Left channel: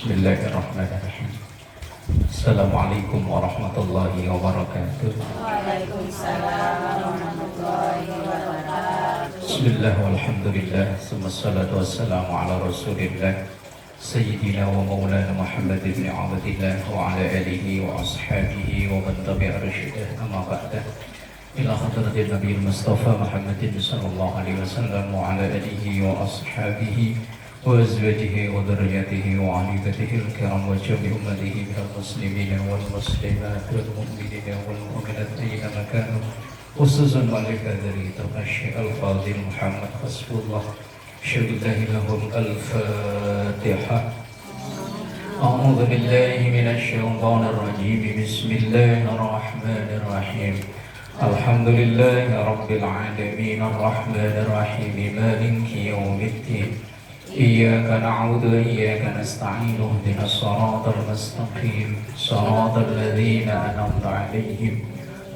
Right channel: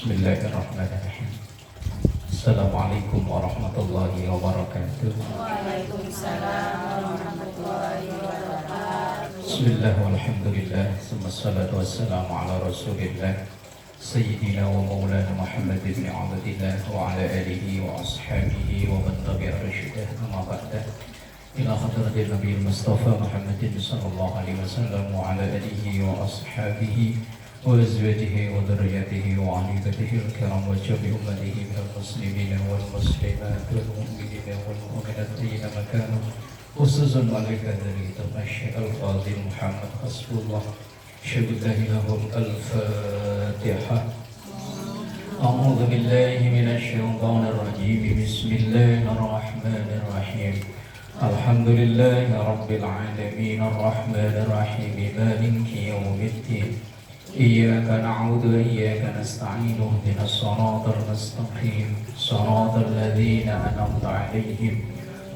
Bismillahirrahmanirrahim. Assalamualaikum warahmatullahi wabarakatuh. Waalaikumsalam warahmatullahi wabarakatuh. Bismillah walhamdulillah, wassalatu wassalamu ala rasulillah Sayyidina wa maulana Muhammad ibn Abdillah wa ala alihi wa ashabihi wa man tabi'a rasyidah, amma ba'dah. Ila hadratil Nabi Mustafa Muhammadin sallallahu alaihi wasallam wa ala alihi wa ashabihi wa azwajihi wa dhurriyyatihi wa alibatihi al-kiram wa jami ummatihi minal muslimina wal muslimat wal mu'minina wal mu'minat ayyana makanu, khususan malika dari Syekh Al-Fadhil Muhammad Hasbullah Syukurillahilahum. Al-Fatihah. A'udhu billahi minasyaitanir rajim. Bismillahirrahmanirrahim. Alhamdulillahi rabbil alamin arrahmanir rahim maliki yaumiddin. Iyyaka na'budu wa iyyaka nasta'in ihdinas siratal mustaqim siratal ladzina an'amta 'alaihim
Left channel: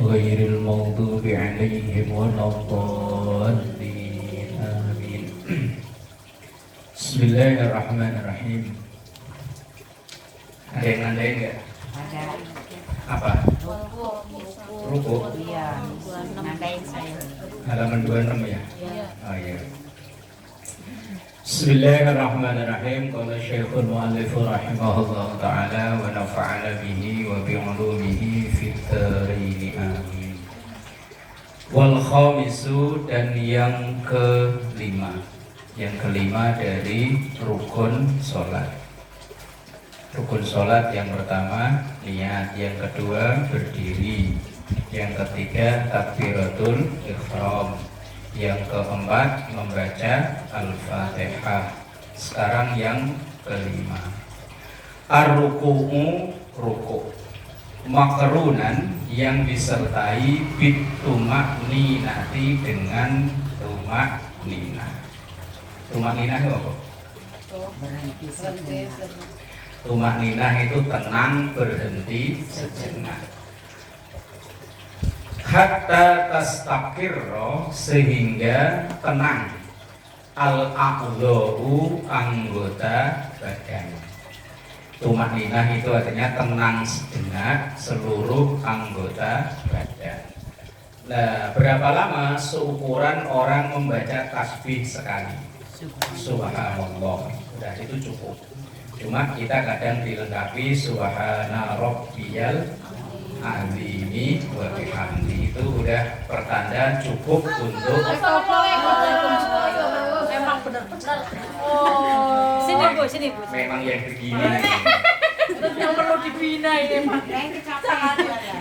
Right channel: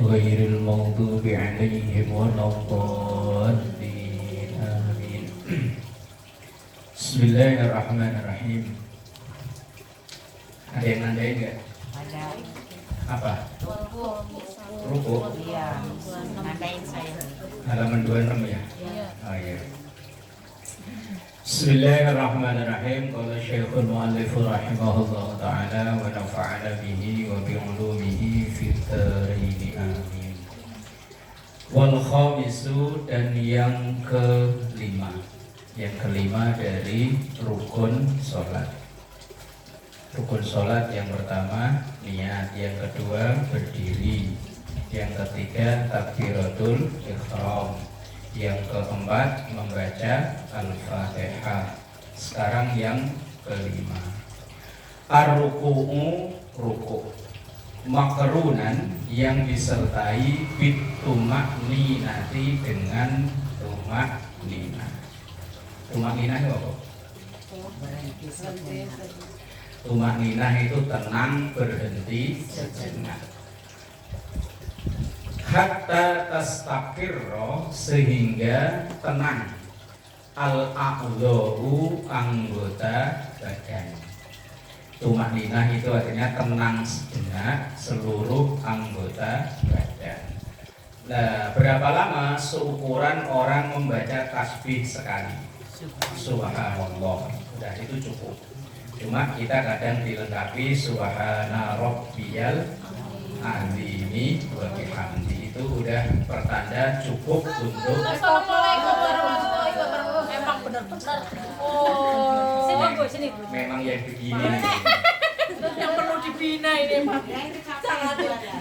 ghairil maghdubi 'alaihim waladdallin. Amin. Bismillahirrahmanirrahim. Ada yang nandain enggak? Ada. Apa? Ruku. Iya, nandain saya. Halaman 26 ya? Oh iya. Bismillahirrahmanirrahim. Qala Syekhul Mu'allif rahimahullah ta'ala wa nafa'ana bihi wa bi'ulumihi fid dharain. Amin. Wal khamisu, dan yang kelima. Yang kelima dari rukun sholat. Rukun sholat yang pertama niat, yang kedua berdiri, yang ketiga takbiratul ihram, yang keempat membaca Al-Fatihah. Sekarang yang kelima. Ar-ruku'u, ruku'. Makrunan, yang disertai bitumak ninati, dengan tumak ninah. Tumak ninah itu apa? Tumak ninah itu tenang, berhenti sejenak. Hatta tastaqirra, sehingga tenang. Al-a'dha'u, anggota badan. Tumak ninah itu artinya tenang sejenak seluruh anggota badan. Nah, berapa lama seukuran orang membaca tasbih sekali? Subhanallah. Udah, itu cukup. Cuma kita kadang dilengkapi subhana rabbiyal azimi wa bihamdi, itu udah pertanda cukup untuk memang benar-benar. Sini Bu, sini Bu. memang yang begini. Yang perlu dibina ini.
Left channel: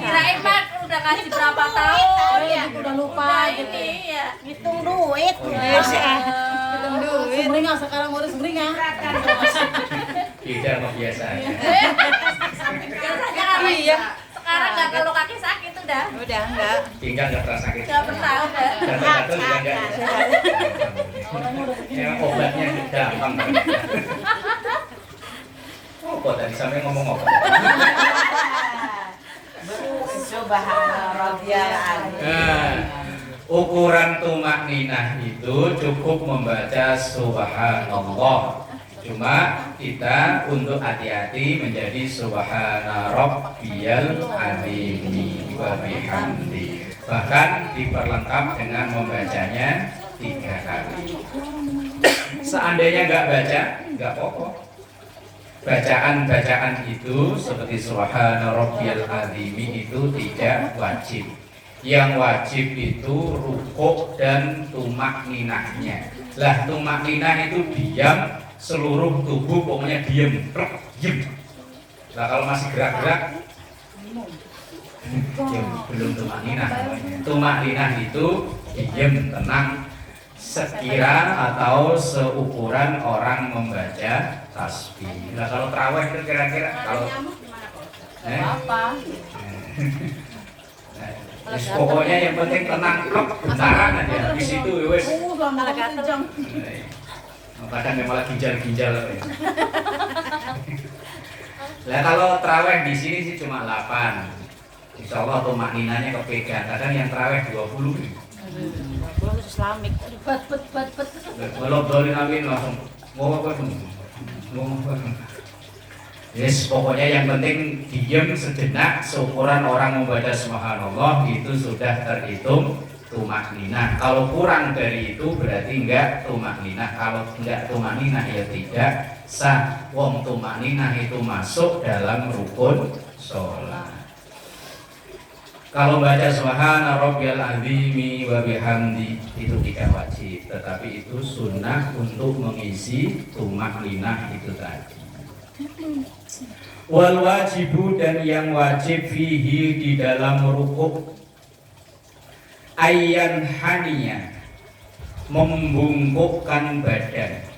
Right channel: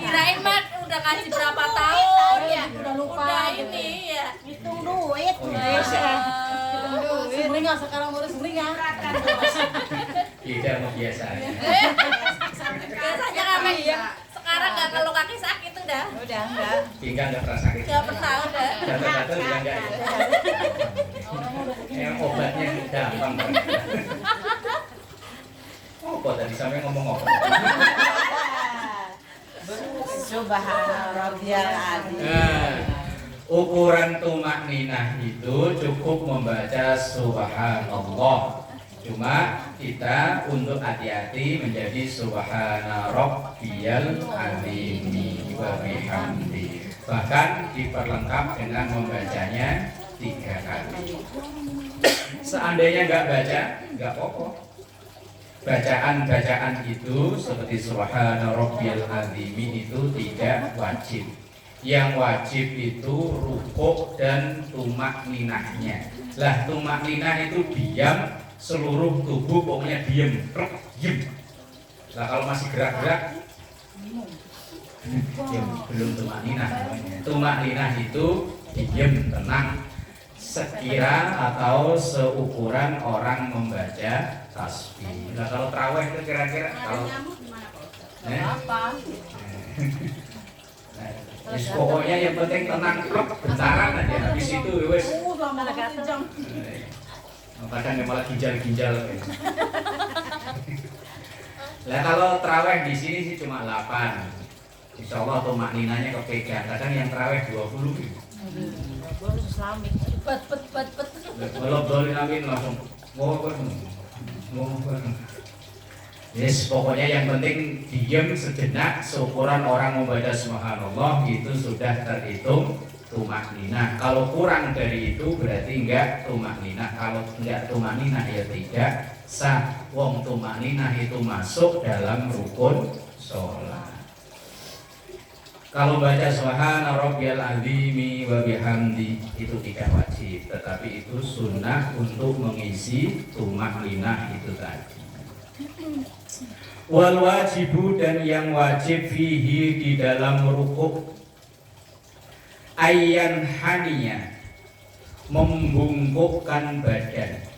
Kirain Mak udah ngasih berapa tahun ya? Udah lupa Udah gitu. ini ya. Hitung duit. Oh, iya. Hitung duit. Sumringah sekarang mau sumringah. Beda sama biasanya. Biasanya apa ya? Sekarang nggak, kalau kaki sakit udah. Udah enggak. Pinggang nggak pernah sakit. Nggak pernah udah. Gatal-gatal juga enggak. Emang obatnya gampang banget. Oh, kok tadi sampai ngomong apa? Subhanallah. Nah, ukuran tumak ninah itu cukup membaca subhanallah. Cuma kita untuk hati-hati menjadi subhana rabbiyal azimi wa bihamdi. Bahkan diperlengkap dengan membacanya 3 kali. Seandainya nggak baca, nggak apa-apa. Bacaan-bacaan itu seperti subhana rabbiyal azimi itu tidak wajib. Yang wajib itu rukuk dan tumak ninahnya. Lah, tumak ninah itu diam, seluruh tubuh pokoknya diem. Nah, kalau masih gerak-gerak ya belum tumak ninah. Tumak ninah itu diem, tenang, sekira atau seukuran orang membaca tasbih. Nah, kalau tarawih itu kira-kira kalau Apa? pokoknya yang penting tenang, bentaran aja. Habis itu wes. Kadang memang lagi ginjal-ginjal. Lah kalau terawih di sini sih cuma 8. Insya Allah tuh makninanya kepegang. Kadang yang terawih 20. Islamik. Bet. Kalau dolin amin langsung ngomong. Yes, pokoknya yang penting diem sejenak, seukuran orang membaca subhanallah itu sudah terhitung tumakninah. Kalau kurang dari itu berarti enggak tumakninah. Kalau enggak tumakninah ya tidak sah. Wong tumakninah itu masuk dalam rukun sholat. Kalau baca subhana rabbiyal azimi wa bihamdi itu tidak wajib, tetapi itu sunnah untuk mengisi tumakninah itu tadi. Wal wajibu dan yang wajib fihi di dalam rukuk ayyan haniya membungkukkan badan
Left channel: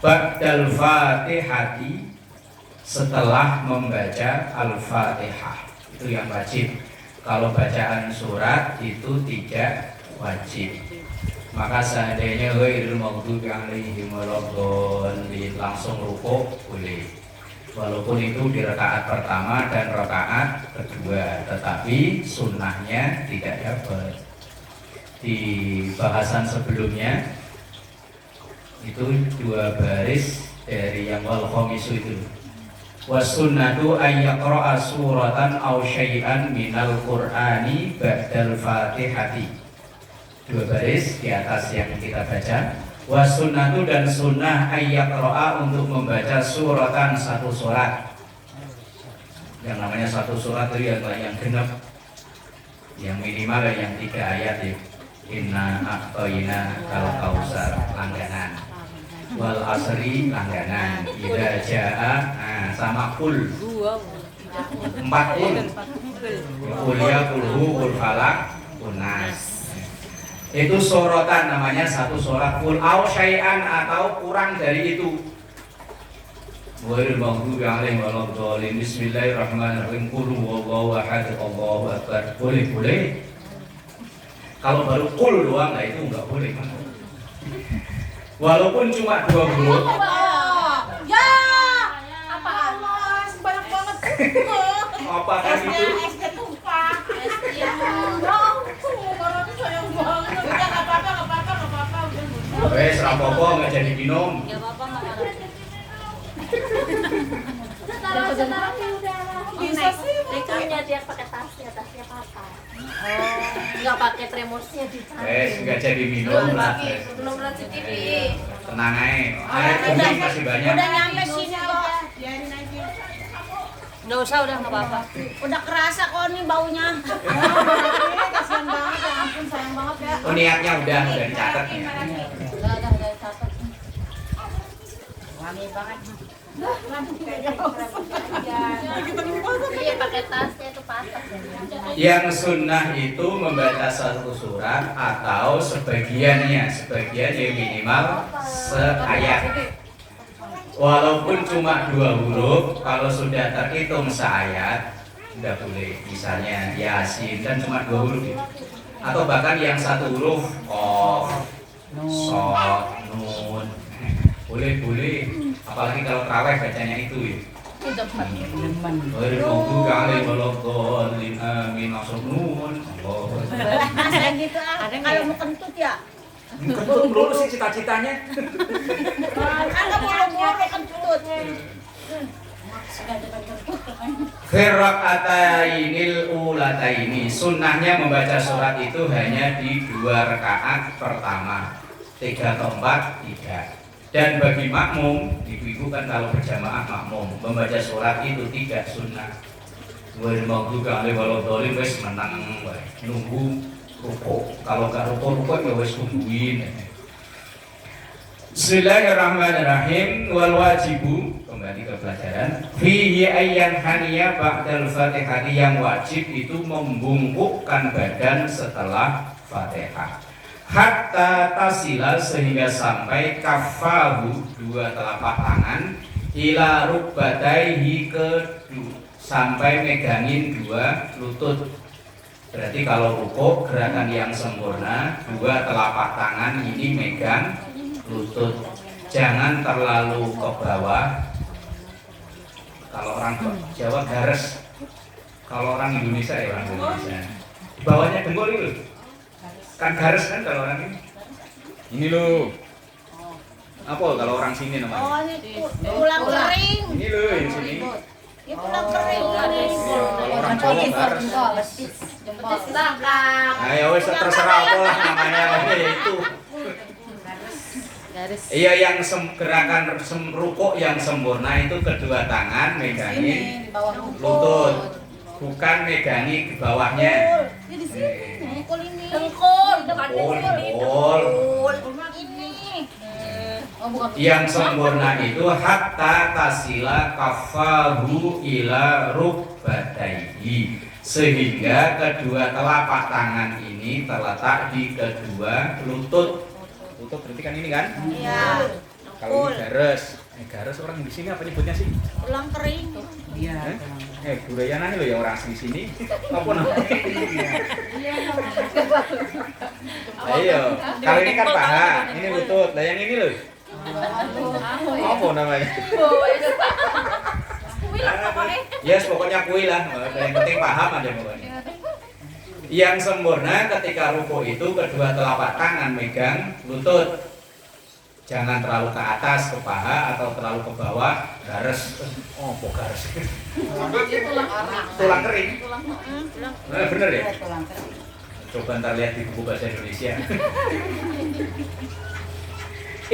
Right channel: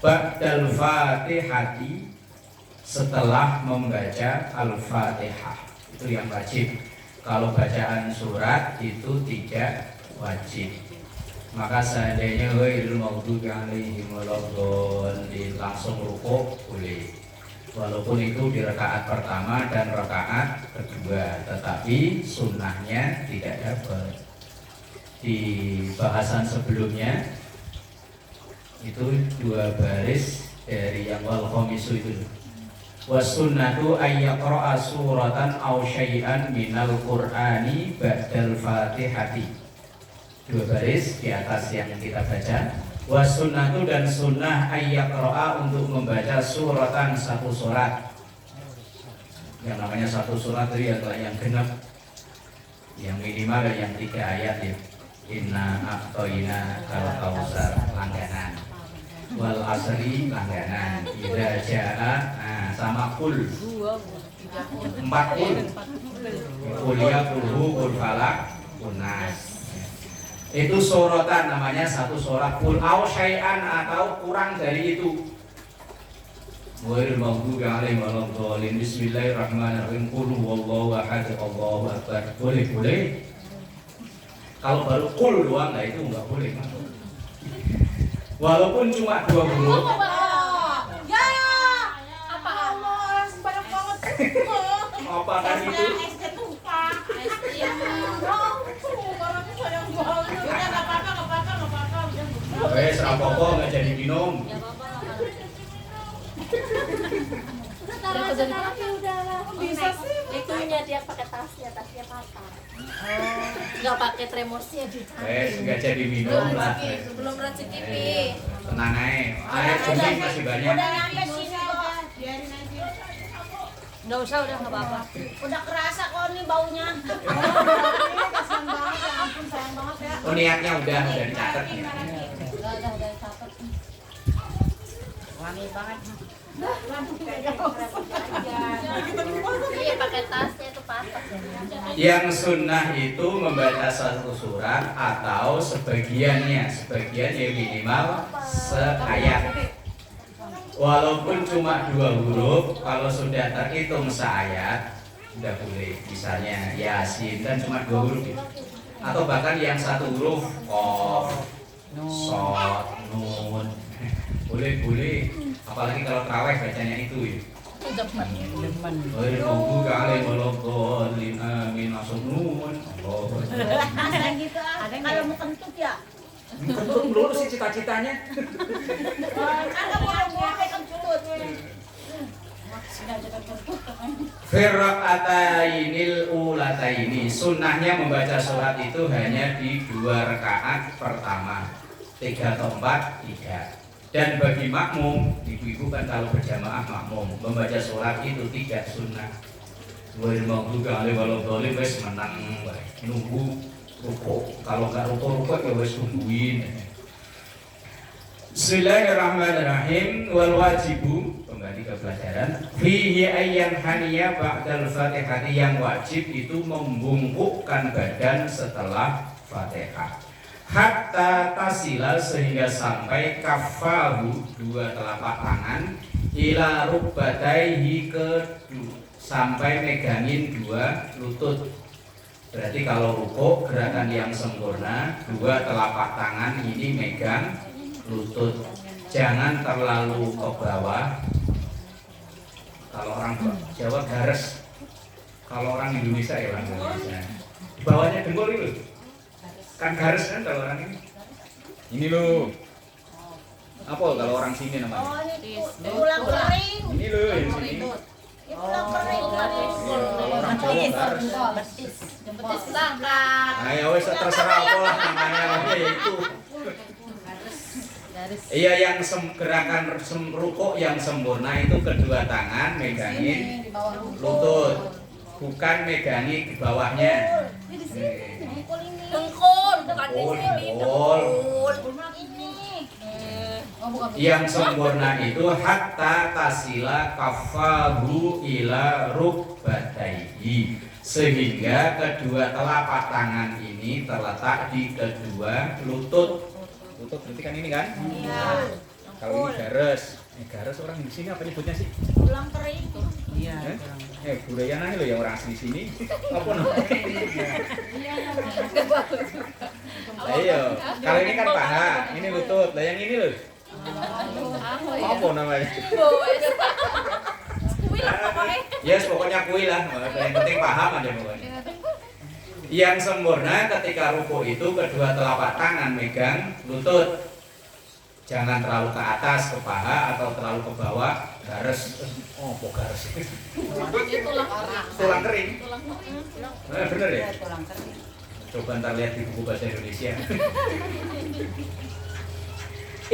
ba'dal fatihati setelah membaca al-fatihah. Itu yang wajib. Kalau bacaan surat itu tidak wajib. Maka seandainya ghairil maghdubi alaihim waladdallin langsung rukuk boleh. Walaupun itu di rakaat pertama dan rakaat kedua, tetapi sunnahnya tidak dapat. Di bahasan sebelumnya itu 2 baris dari yang wal khamisu itu. Wasunnatu ayyaqra'a suratan aw syai'an minal qur'ani ba'dal fatihati. 2 baris di atas yang kita baca. Wasunnatu dan sunnah ayyaqra'a untuk membaca suratan satu surat. Yang namanya satu surat itu yang genap, yang minimal yang 3 ayat ya. Inna a'tayna kal kausar langganan. Wal asri langganan. Idza jaa sama kul 4 kul. Kul ya kulhu kul falak kunas. Itu sorotan namanya satu surat kul au syai'an atau kurang dari itu. Ghairil maghdubi alaihim waladdallin. Bismillahirrahmanirrahim. Qul huwallahu ahad Allahu akbar. Boleh. Kalau baru kul doang lah itu enggak boleh. Walaupun cuma 2 huruf. Ya. Apa Allah, sembarang banget. Apa kan itu? SD tumpah. Ya. Orang sayang banget. Udah enggak apa-apa. Wes rapopo enggak jadi minum. Ya apa-apa enggak. Bisa sih. Itunya dia pakai tasnya apa? Enggak pakai tremosnya di tas. Wes enggak jadi minum lah. Belum rezeki. Tenang aja. Air kuning masih banyak. Udah nyampe sini aja. Biarin aja. Enggak usah udah enggak apa-apa. Udah kerasa kok nih baunya. Kasihan banget ya ampun sayang banget ya. Oh niatnya udah dicatat. Udah catat. Wangi banget. Iya pakai tasnya itu patah. Yang sunnah itu membaca satu surat atau sebagian ya minimal seayat. Walaupun cuma 2 huruf, kalau sudah terhitung seayat sudah boleh. Misalnya Yasin kan cuma 2 huruf ya. Atau bahkan yang 1 huruf Qaf, Shad, Nun. Boleh. Apalagi kalau tarawih bacanya itu ya. Ghairil maghdubi alaihim waladdallin amin langsung nun. Ada gitu ah. Kalau mau kentut ya. Kentut melulu sih cita-citanya. Ada mau kentut. Firraqatainil ulataini. Sunnahnya membaca surat itu hanya di 2 rakaat pertama. 3 atau 4 tidak. Dan bagi makmum, ibu-ibu kan kalau berjamaah makmum membaca surat itu tidak sunnah. Ghairil maghdubi alaihim waladdallin wis menang wae. Nunggu rukuk. Kalau enggak rukuk ya wis tungguin. Bismillahirrahmanirrahim. Wal wajibu, kembali ke pelajaran. Fihi ayyan haniya ba'dal fatihati, yang wajib itu membungkukkan badan setelah Fatihah. Hatta tasila sehingga sampai kafahu 2 telapak tangan ila rukbataihi sampai megangin 2 lutut. Berarti kalau rukuk gerakan yang sempurna 2 telapak tangan ini megang lutut. Jangan terlalu ke bawah. Kalau orang Jawa gares. Kalau orang Indonesia ya orang Indonesia. Di bawahnya dengkul itu. Kan garis kan kalau orang ini. Ini loh. Apa kalau orang sini namanya? Oh, ini tulang kering. Ini loh yang sini. Ya tulang kering. Iya, kalau orang Jawa baris. Betis tabrak. Nah, ya wes terserah apa lah namanya ya itu. Iya yang gerakan rukuk yang sempurna itu kedua tangan megangin lutut, bukan megangi di bawahnya. Ini di sini. Mukul ini. Dengkul, bukan Pukul, dengkul. pukul. Ini. Yang sempurna itu hatta tasila kafahu ila rukbatayhi, sehingga kedua telapak tangan ini terletak di kedua lutut. Lutut berarti kan ini kan? Iya. Kalau ini garis. Garis orang di sini apa nyebutnya sih? Tulang kering. Budayana nih loh yang orang asli sini. Apa namanya? Ayo, kalau ini kan paha, ini lutut. Lah yang ini loh. Apa namanya? Yes, pokoknya kui lah. Yang penting paham aja pokoknya. Yang sempurna ketika ruku itu kedua telapak tangan megang lutut. Jangan terlalu ke atas ke paha atau terlalu ke bawah garis. Oh, kok garis? Tulang kering. Nah, bener ya? Coba ntar lihat di buku bahasa Indonesia.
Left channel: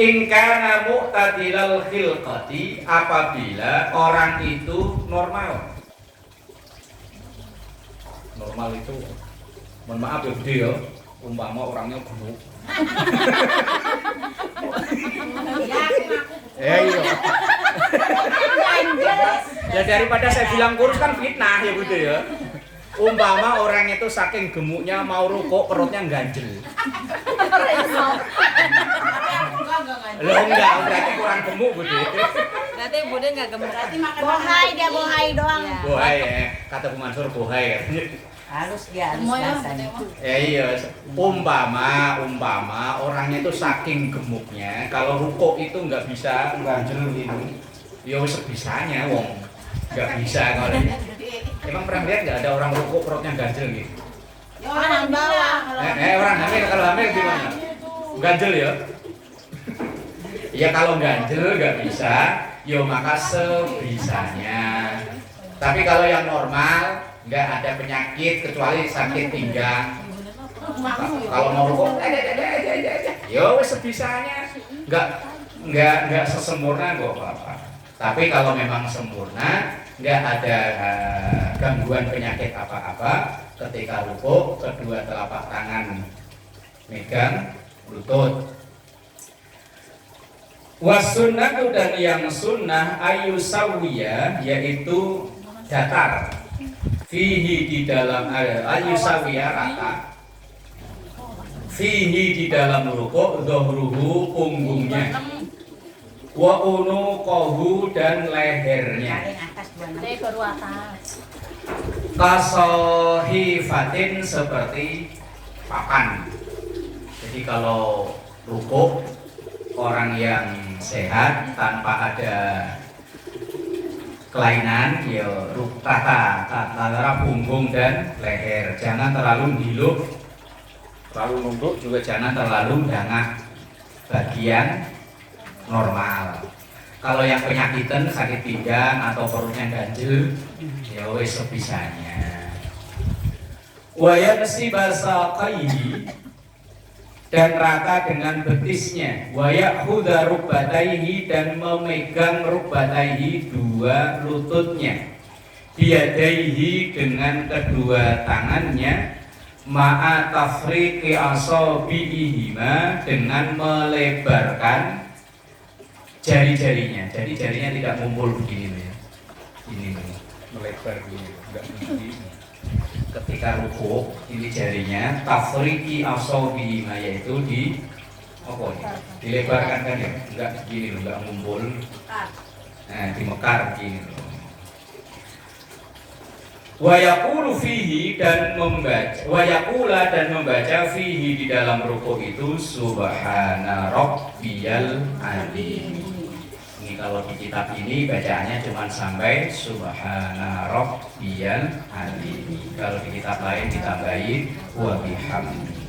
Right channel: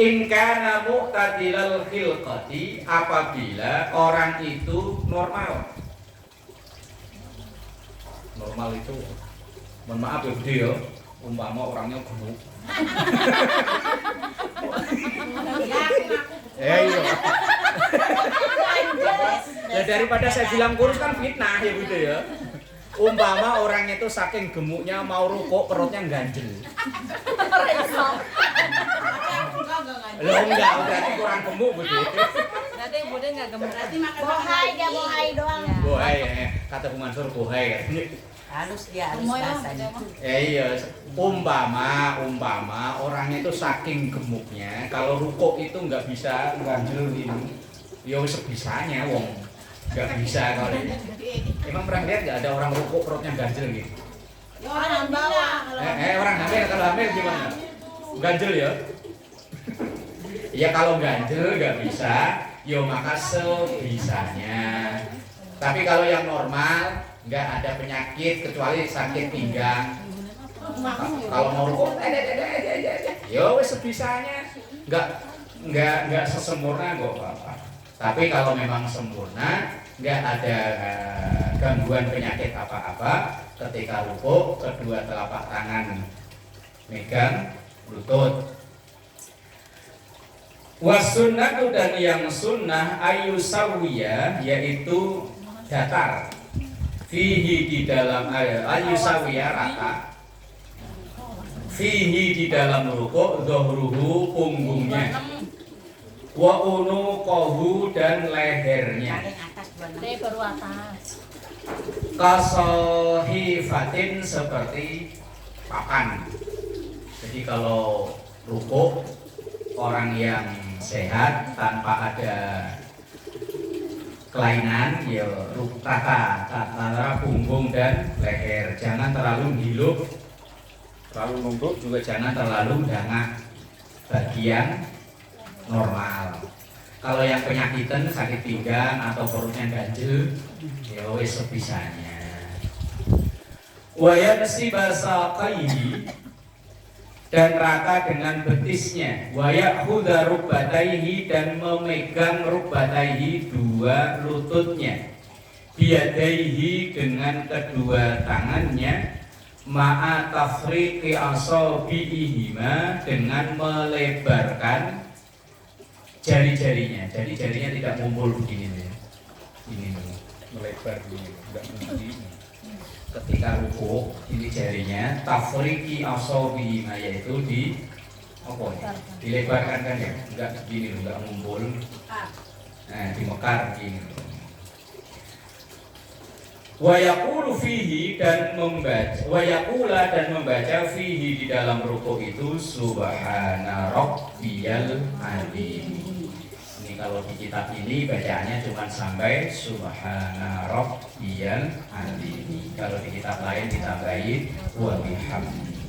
In kana mu'tadilal khilqati, apabila orang itu normal. Normal itu, mohon maaf ya Budi ya, umpama orangnya gemuk. Iya. Ya daripada saya bilang kurus kan fitnah ya Budi ya. Umpama orangnya itu saking gemuknya mau rukuk perutnya ganjel. Loh enggak, berarti kurang gemuk Budi. Berarti Bude nggak gemuk. Berarti makan bohai, dia bohai doang. Bohai ya, kata Bu Mansur bohai katanya. Halus dia halus rasanya. Iya, umpama orangnya itu saking gemuknya, kalau rukuk itu nggak bisa ganjel ini. Ya wis sebisanya wong. Nggak bisa kalau ini. Emang pernah lihat nggak ada orang rukuk perutnya ganjel gitu? Ya orang hamil. Orang hamil kalau hamil gimana? Ganjel ya? Ya kalau ganjel nggak bisa, yo maka sebisanya. Tapi kalau yang normal nggak ada penyakit kecuali sakit pinggang. Kalau mau rukuk, yo wes sebisanya. Nggak sesempurna kok apa-apa. Tapi kalau memang sempurna, nggak ada gangguan penyakit apa-apa. Ketika rukuk, kedua telapak tangan megang lutut. Wasunnatu, dan yang sunnah ayusawiya, yaitu datar. Fihi di dalam ayusawiya rata. Fihi di dalam rukuk, dhahruhu punggungnya, wa unuqahu dan lehernya. Dari baru atas. Kasohifatin, seperti papan. Jadi kalau rukuk orang yang sehat tanpa ada kelainan, ya rata antara punggung dan leher. Jangan terlalu nunduk, terlalu nunduk juga jangan terlalu dangak. Bagian normal. Kalau yang penyakitan, sakit pinggang atau perutnya ganjel, ya wes sebisanya. Wa yaksibasaqaihi, dan rata dengan betisnya. Wa ya'khudha rukbatayhi, dan memegang rukbatayhi, dua lututnya. Biyadaihi, dengan kedua tangannya. Ma'a tafriqi asabi'ihima, dengan melebarkan jari-jarinya. Jadi jarinya tidak ngumpul begini ya. Ini melebar begini, enggak begini. Ketika rukuk, ini jarinya tafriqi asabi'ihima, yaitu di apa nih? Dilebarkan kan ya, enggak begini loh, enggak ngumpul. Nah, dimekar begini loh. Wa yaqulu fihi, dan membaca, wa yaqula, dan membaca fihi, di dalam rukuk itu subhana rabbiyal azim. Ini kalau di kitab ini bacaannya cuma sampai subhana rabbiyal azim. Kalau di kitab lain ditambahin wa bihamdi.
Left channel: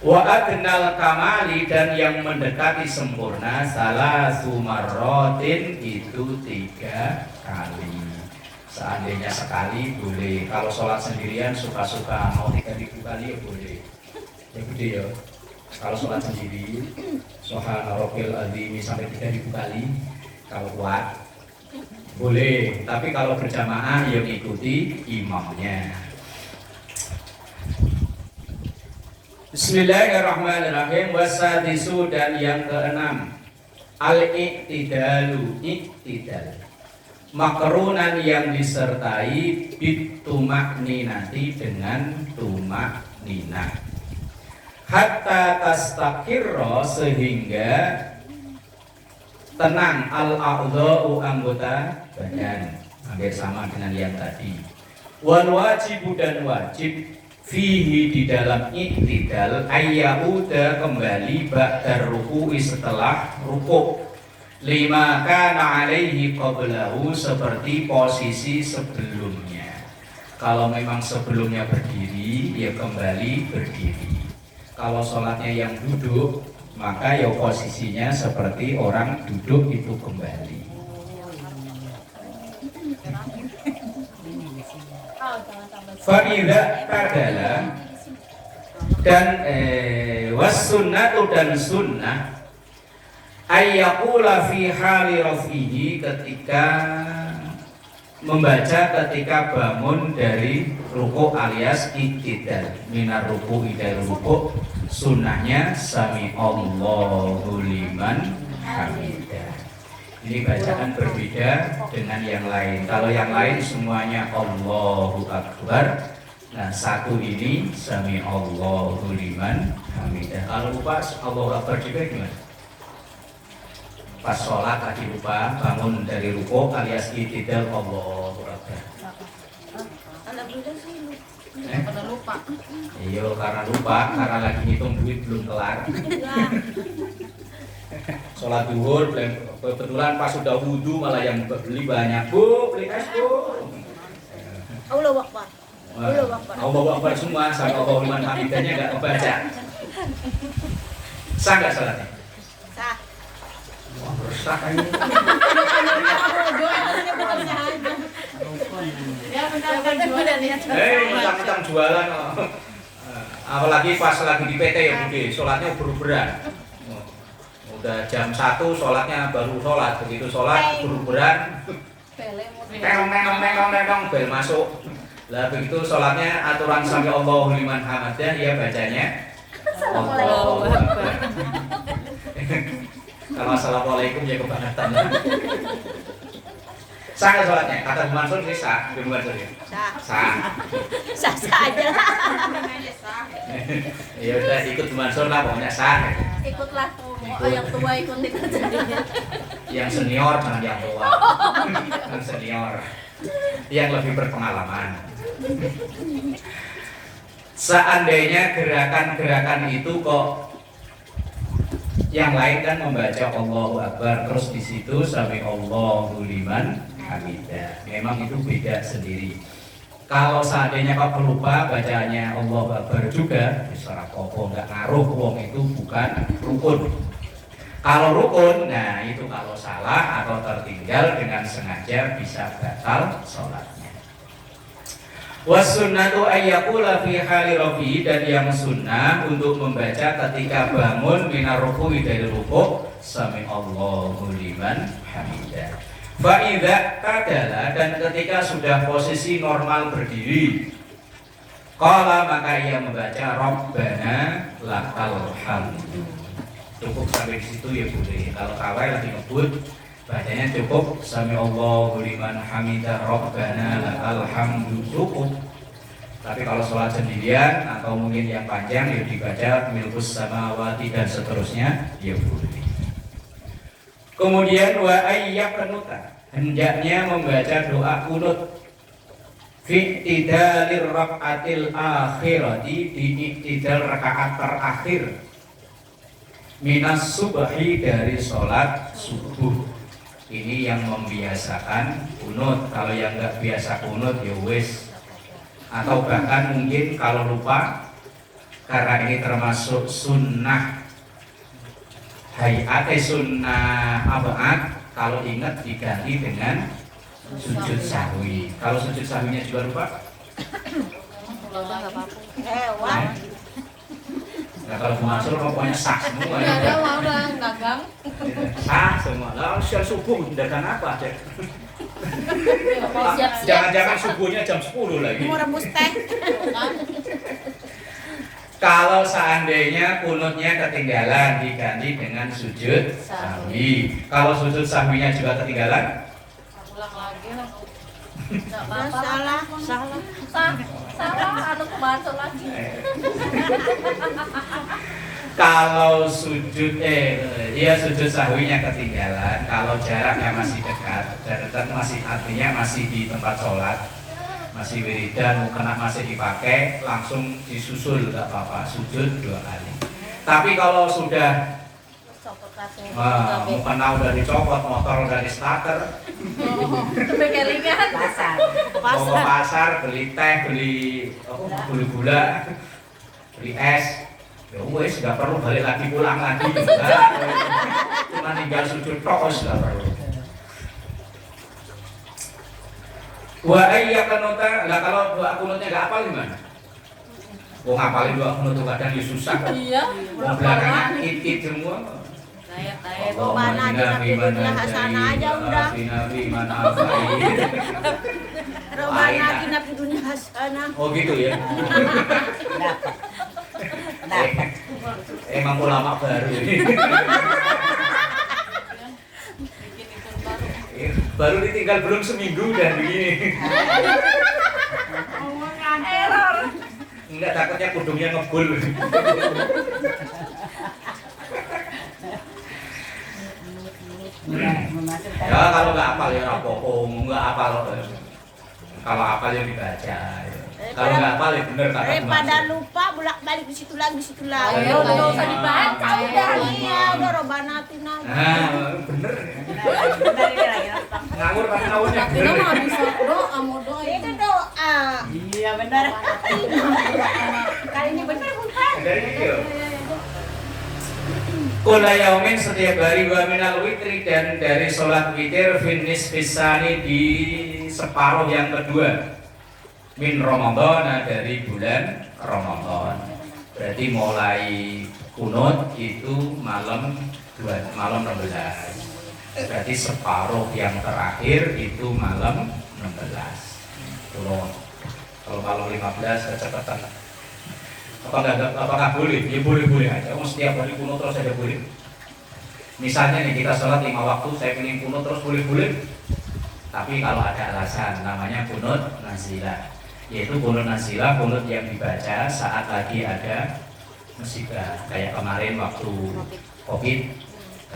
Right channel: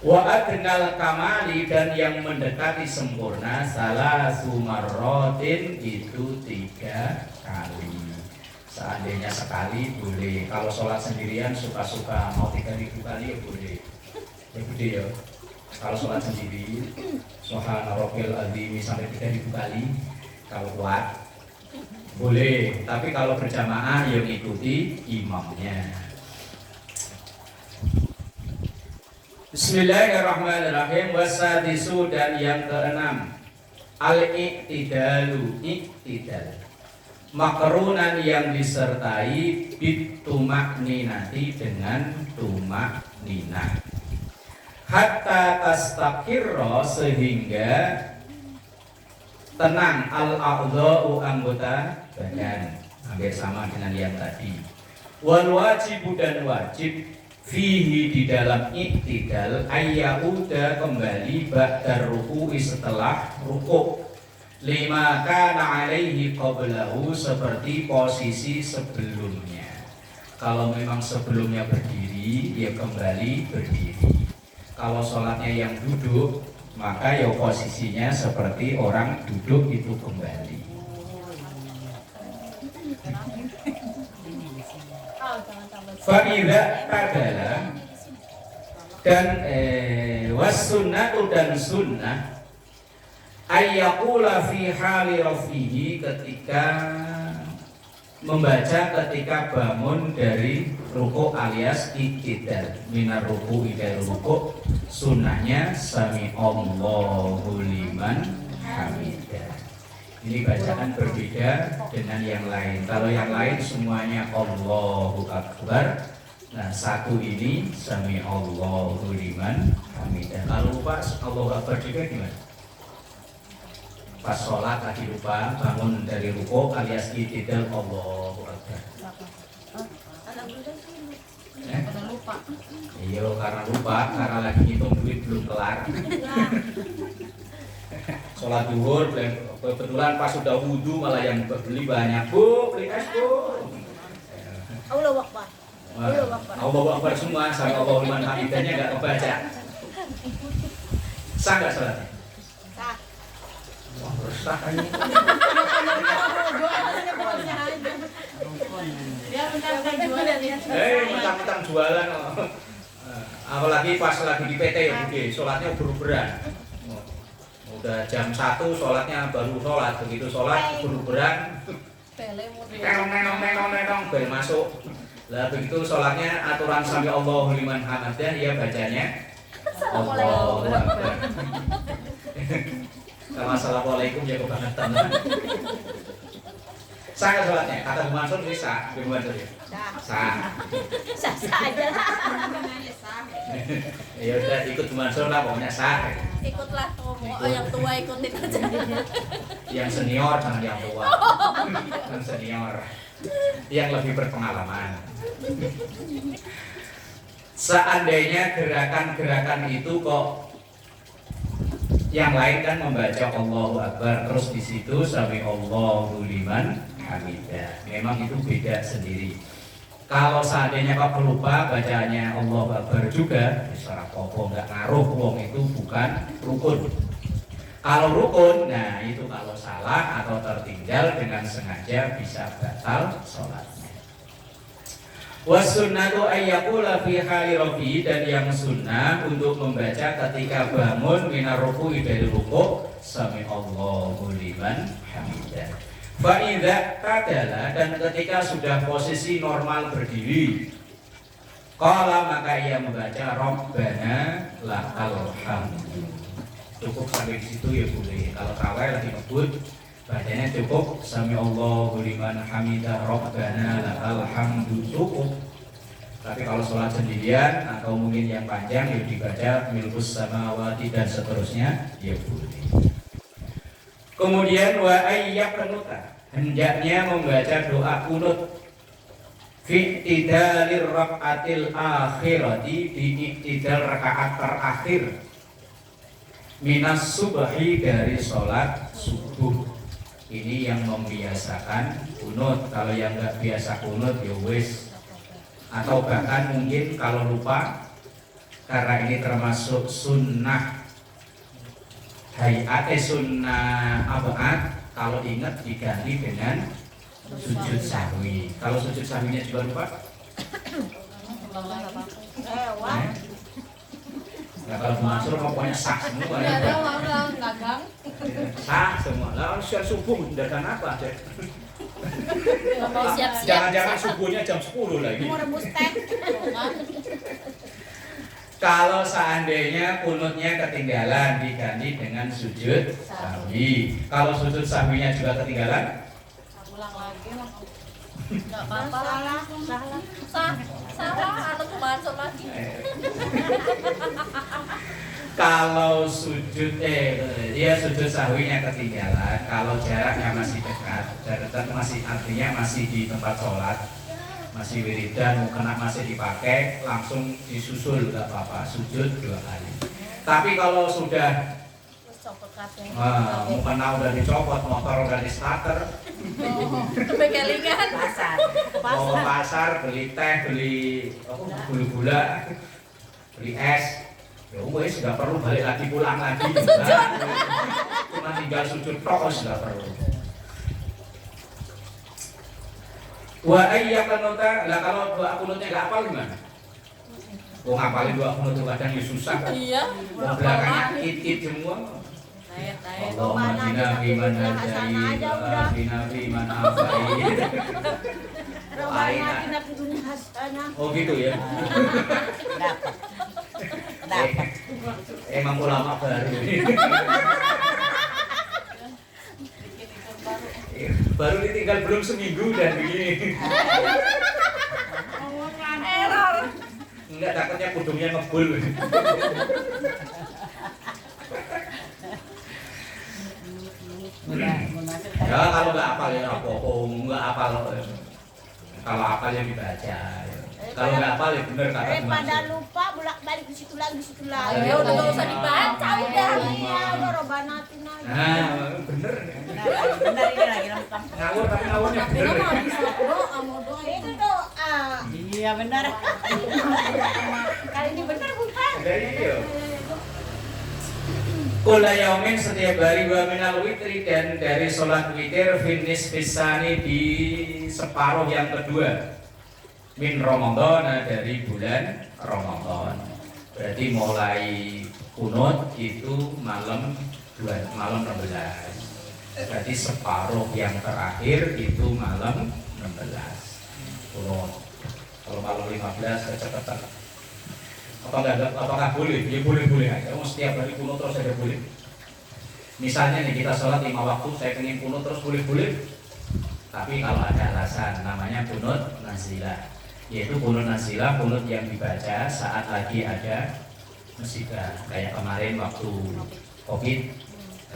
Wa adnal kamali, dan yang mendekati sempurna salah sumarrotin itu 3 kali. Seandainya sekali boleh. Kalau sholat sendirian suka-suka, mau 3000 kali ya boleh. Ya gede ya. Kalau sholat sendiri Subhana Rabbil Azim sampai 3000 kali kalau kuat boleh. Tapi kalau berjamaah ya ikuti imamnya. Bismillahirrahmanirrahim. Wasadisu, dan yang keenam al-i'tidalu, i'tidal, makrunan yang disertai bitumak ninati, dengan tumak ninah, hatta tastaqirra, sehingga tenang al-a'dha'u, anggota badan. Hampir sama dengan yang tadi. Wal wajibu, dan wajib fihi, di dalam i'tidal, ayyauda, kembali ba'dar ruku'i, setelah rukuk, lima kana alaihi qablahu, seperti posisi sebelumnya. Kalau memang sebelumnya berdiri, ya kembali berdiri. Kalau sholatnya yang duduk, maka ya posisinya seperti orang duduk itu kembali. Fa'idha padala, dan wassunnatu, dan sunnah ayyakula fi hali rafihi, ketika membaca ketika bangun dari rukuk alias i'tidal, minar ruku'i, dari rukuk, sunnahnya sami Allahu liman hamidah. Ini bacaan berbeda dengan yang lain. Kalau yang lain semuanya Allahu Akbar. Nah, satu ini sami Allahu liman hamidah. Kalau lupa Allahu Akbar juga gimana? Pas sholat tadi lupa, bangun dari rukuk alias i'tidal, Allahu Akbar. Pada lupa. Iya, karena lupa, karena lagi ngitung duit belum kelar. Sholat duhur, kebetulan pas sudah wudhu malah yang beli banyak. Bu, beli es bu. Allahu Akbar. Allahu Akbar semua, sampai Allahu liman hamidahnya nggak kebaca. Sah nggak sholatnya? Sah. Wah, bersah ini. Ya, bentar-bentar jualan ya. Mentang-mentang jualan. Apalagi pas lagi di PT ya Budi, sholatnya uber-uberan. Udah jam 1 sholatnya baru sholat, begitu sholat uber-uberan. Tenong, bel masuk. Lah begitu sholatnya aturan sampai Allahu liman hamidah, ya bacanya Allahu Akbar. Kalau assalamualaikum ya kebangetan. Sah nggak sholatnya? Kata Bu Mansur sih sah, Bu Mansur ya. Sah. Sah aja. Ya udah ikut Bu Mansur lah, pokoknya sah. Ikutlah, yang tua ikutin aja. Yang senior jangan yang tua. Yang senior, yang lebih berpengalaman. Seandainya gerakan-gerakan itu kok yang lain kan membaca Allahu Akbar, terus di situ sami Allahu liman hamidah. Memang itu beda sendiri. Kalau seandainya kau lupa bacanya Allahu Akbar juga, bisa apa nggak ngaruh, wong itu bukan rukun. Kalau rukun, nah itu kalau salah atau tertinggal dengan sengaja bisa batal sholatnya. Wasunnatu ayyakula fi hali rafi, dan yang sunnah untuk membaca ketika bangun minar ruku'i, dari rukuk, sami Allahu liman hamidah. Fa idza tadala, dan ketika sudah posisi normal berdiri, qala, maka ia membaca Rabbana lakal hamdu. Cukup sampai di situ ya boleh. Kalau kawai lagi ngebut, bacanya cukup sami Allahu liman hamidah Rabbana lakal hamdu, cukup. Tapi kalau sholat sendirian atau mungkin yang panjang ya dibaca milkus samawati dan seterusnya ya boleh. Kemudian wa ayyak kenuta, hendaknya membaca doa kunut fi i'tidalir rakaatil akhirati, di i'tidal rakaat terakhir, minas subhi, dari sholat subuh. Ini yang membiasakan kunut. Kalau yang nggak biasa kunut ya wis, atau bahkan mungkin kalau lupa karena ini termasuk sunnah hayate, sunnah abad. Kalau ingat diganti dengan sujud sahwi. Kalau sujud sahwinya juga lupa, nah kalau Bu Mansur pokoknya sah semua ya. udah gagang. Sah semua. Lah siang subuh dagang apa cek? Siap-siap. Jangan-jangan subuhnya jam 10 lagi. Mau rebus teh. Kalau seandainya kunutnya ketinggalan diganti dengan sujud sahwi. Kalau sujud sahwinya juga ketinggalan, Ulang lagi lah. Enggak apa-apa. Salah atau masuk lagi. kalau sujud sujud sahwinya ketinggalan, kalau jaraknya masih dekat, jarak masih artinya masih di tempat sholat, masih wiridan, mukena masih dipakai, langsung disusul nggak apa-apa, sujud 2 kali. Tapi kalau sudah mukena udah dicopot, motor udah di starter, Kelingan. Pasar. mau ke pasar beli teh, beli gula, beli es, ya wes nggak perlu balik lagi, pulang lagi, enggak. Cuma tinggal sujud tok, nggak perlu. Wa ayyakanuta, lah kalau doa kunutnya nggak hafal gimana? Ngapalin doa kunut tuh kadang ya susah kok. Iya. Mau belakangnya it semua. Allahumma inna fi man hadai wa afina fi man afai. Robana kina dunia hasanah. Oh gitu ya. Emang ulama baru ini. Baru ditinggal belum seminggu dan begini. Error. Enggak, takutnya kudungnya ngebul. Ya kalau nggak hafal ya rapopo, nggak hafal. Kalau hafal ya dibaca. Ya. Kalau nggak hafal ya bener kata Bu Daripada Mansur. lupa bolak-balik di situ lagi, di situ lagi. Ayo, nggak usah dibaca, udah. Iya, udah Robana tina. Nah, bener. Benar ini lagi nonton. Ngawur tapi ngawurnya bener. Doa mau doa. Itu doa. Iya benar. Kali ini benar bukan? Dari itu. Kula yaumin, setiap hari, wa minal witri, dan dari sholat witir finis pisani di separuh yang kedua min Ramadan, dari bulan Ramadan. Berarti mulai kunut itu malam 16. Berarti separuh yang terakhir itu malam 16. Kalau malam 15 kecepatan. Apakah boleh? Ya boleh-boleh aja. Setiap hari kunut terus aja boleh. Misalnya nih kita sholat 5 waktu, saya pengen kunut terus boleh-boleh. Tapi kalau ada alasan, namanya kunut nazilah. Yaitu kunut nazilah, kunut yang dibaca saat lagi ada musibah. Kayak kemarin waktu Covid.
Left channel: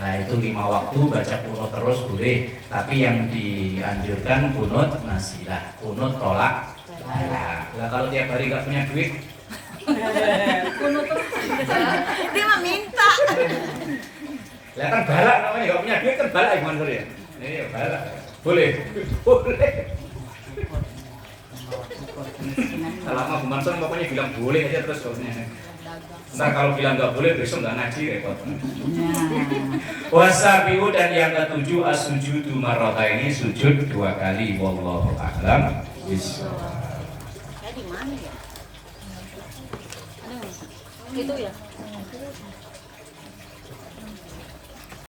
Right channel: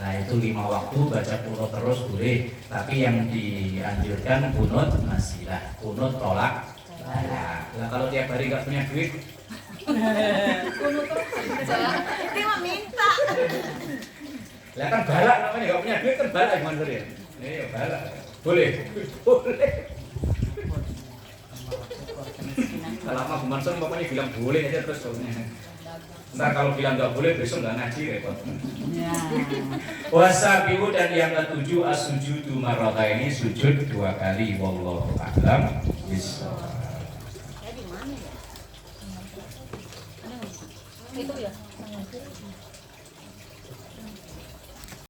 Nah itu 5 waktu baca kunut terus boleh. Tapi yang dianjurkan kunut nazilah, kunut tolak. Nah kalau tiap hari nggak punya duit, Dia mah minta. lah kan balak namanya, nggak punya duit kan balak Ibu Mansur ya. Ini balak. Boleh. Boleh. Selama Bu Mansur pokoknya bilang boleh aja terus pokoknya. Ntar kalau bilang nggak boleh besok nggak ngaji repot. Wasabiu, dan yang ketujuh as-sujudu marrataini, sujud 2 kali. Wallahu a'lam bishawab. Di mana ya? Itu ya.